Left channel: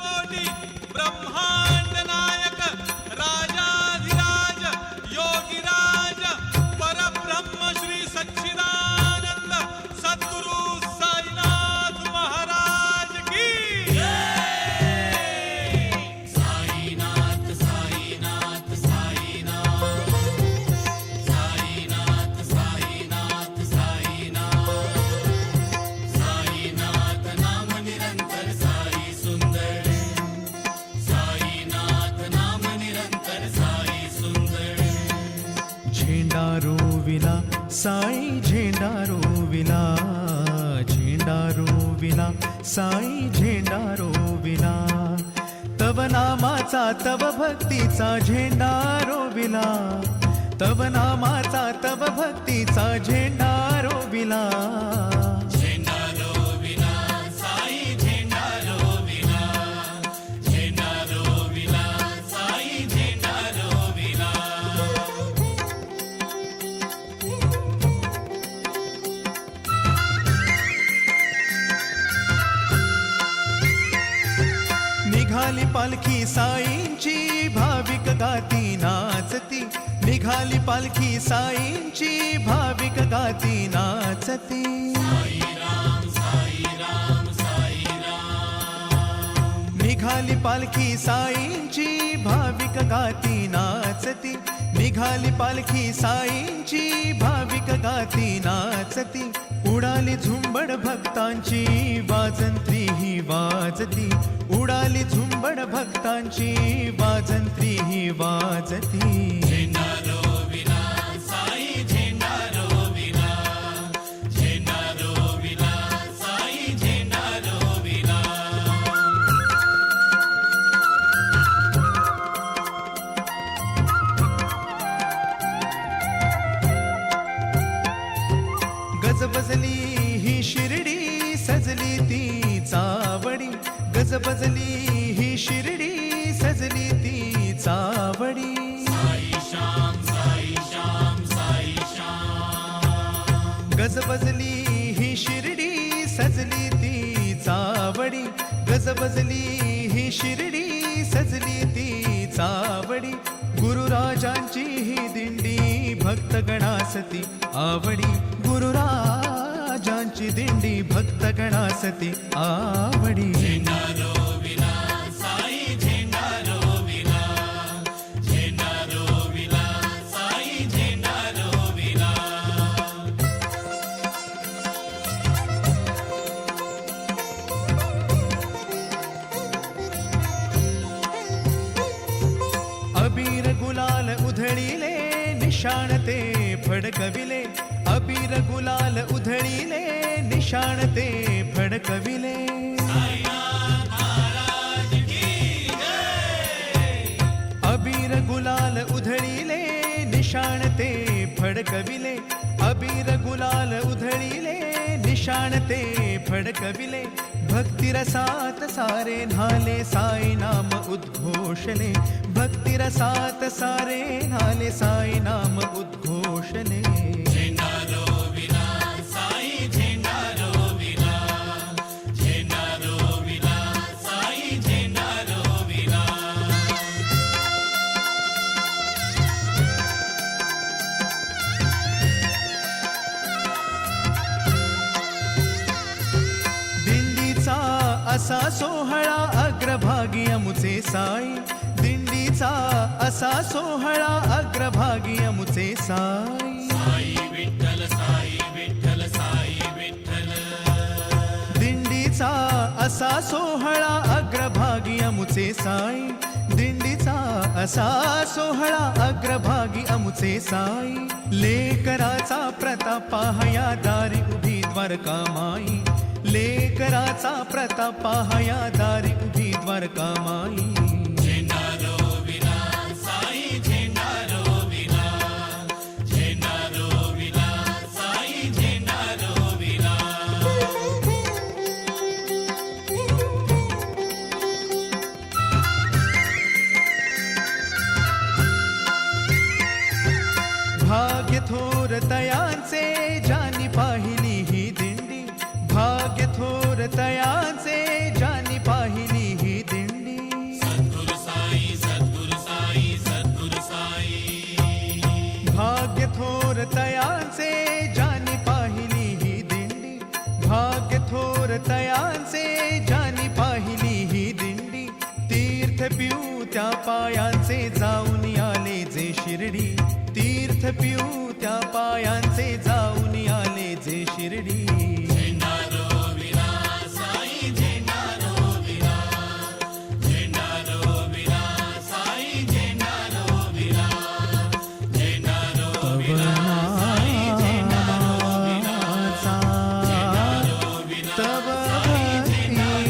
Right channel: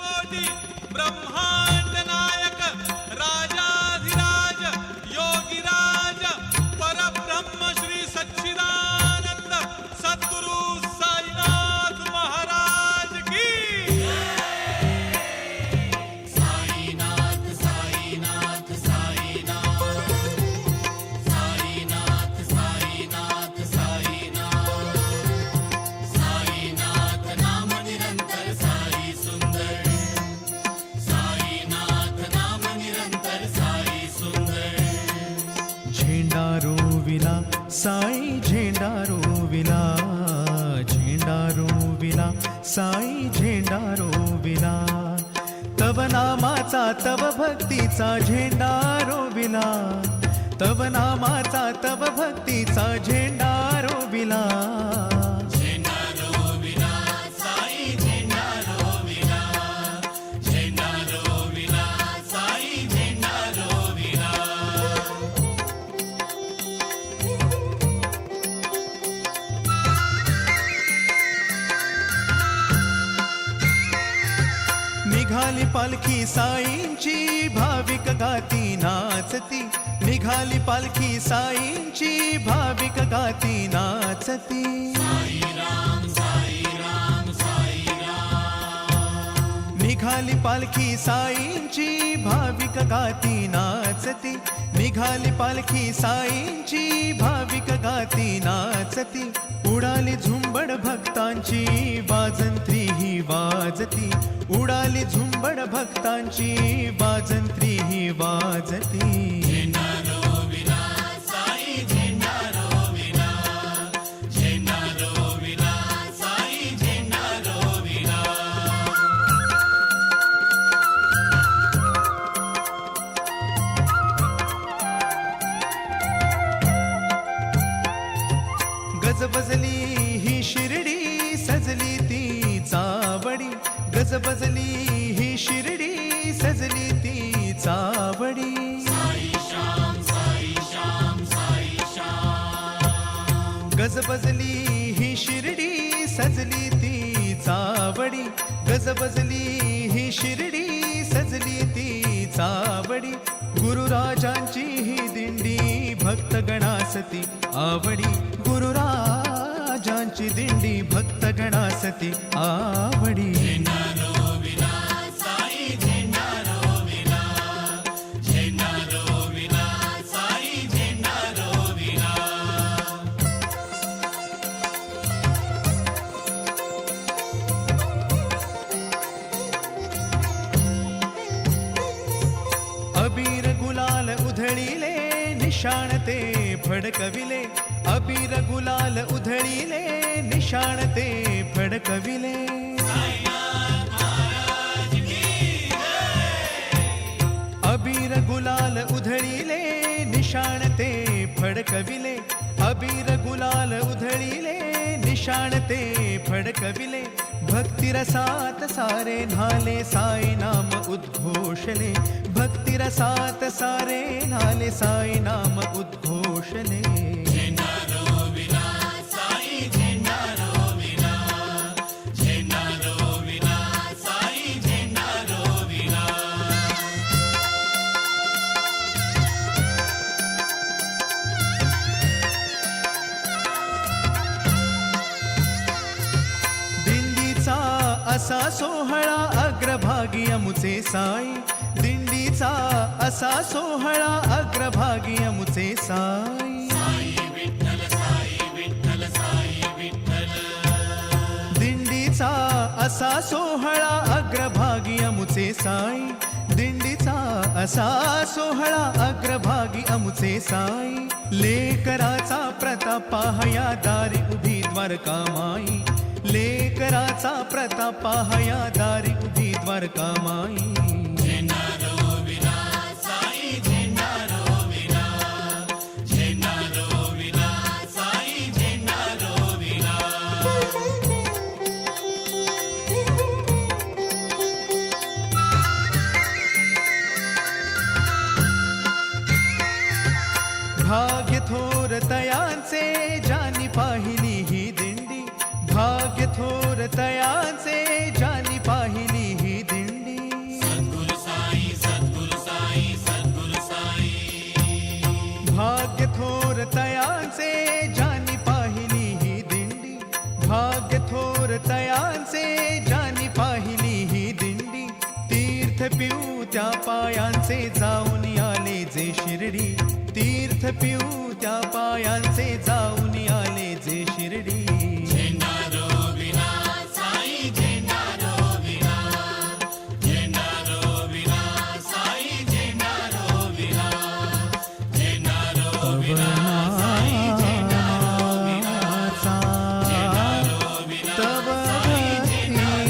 कोटी ब्रह्मांड नायक राजाधिराज योगीराज परब्रह्म श्री सच्चिदानंद सद्गुरु साईनाथ महाराज की साईनाथ साईनाथ साईनाथ साईनाथ साईनाथ साईनाथ साईनाथ नाम निरंतर साई सुंदर साईनाथ नाम निरंतर साई सुंदर झेंडा रोविला साई झेंडा रोविला झेंडा रोविला साई झेंडा रोविला तव नामाचा तव भक्तीचा झेंडा रोविला तव नामाचा तव भक्तीचा झेंडा रोविला झेंडा रोविला साई झेंडा रोविला झेंडा रोविला साई झेंडा रोविला निघाली पालखी साईंची भाविक गाती नाचती निघाली पालखी साईंची भाविक गाती नाचती निघाली पालखी साईंची भाविक गाती नाचती निघाली पालखी साईंची भाविक गाती नाचती उडाली झुंबड भक्तांची वाजंत्री ही वाजती उडाली झुंबड भक्तांची वाजंत्री ही वाजती झेंडा रोविला साई झेंडा रोविला झेंडा रोविला साई झेंडा रोविला गजबजली ही शिर्डी सजली ती चावडी गजबजली ही शिर्डी सजली ती चावडी गजबजली ही शिर्डी सजली ती चावडी गजबजली ही शिर्डी सजली ती चावडी गुरुराजांची ही दिंडी भक्तगणासती आवडी गुरुराजांची दिंडी भक्तगणासती आवडी झेंडा रोविला साई झेंडा रोविला झेंडा रोविला साई झेंडा रोविला अबीर गुलाल उधळीले निशाण ते फडकविले अबीर गुलाल उधळीले निशाण ते फडकविले साईनाथ महाराज की अबीर गुलाल उधळीले निशाण ते फडकविले अबीर गुलाल उधळीले निशाण ते फडकविले भक्तिरसात सारे न्हाले साई नाम उद्घोषले भक्तिरसात सारे न्हाले साई नाम उद्घोषले झेंडा रोविला साई झेंडा रोविला झेंडा रोविला साई झेंडा रोविला दिंडीचा असा सोहळा अग्रभागी अमुचे साई दिंडीचा असा सोहळा अग्रभागी अमुचे साई दिंडीचा असा सोहळा अग्रभागी अमुचे साई दिंडीचा असा सोहळा अग्रभागी अमुचे साई लेकराचा प्रताप पाहया दारी उभी द्वारका माई लेकराचा प्रताप पाहया दारी उभी द्वारका माई झेंडा रोविला साई झेंडा रोविला झेंडा रोविला साई झेंडा रोविला भाग्य थोर तयांचे जानी पाहिली ही दिंडी भाग्य थोर तयांचे ज्यांनी पाहिली ही दिंडी. भाग्य थोर तयांचे ज्यांनी पाहिली ही दिंडी. भाग्य थोर तयांचे ज्यांनी पाहिली ही दिंडी. तीर्थ पिऊ त्या पायांचे जाऊन आले जे शिर्डी. तीर्थ पिऊ त्या पायांचे जाऊन आले जे शिर्डी. तव नामाचा तव भक्ती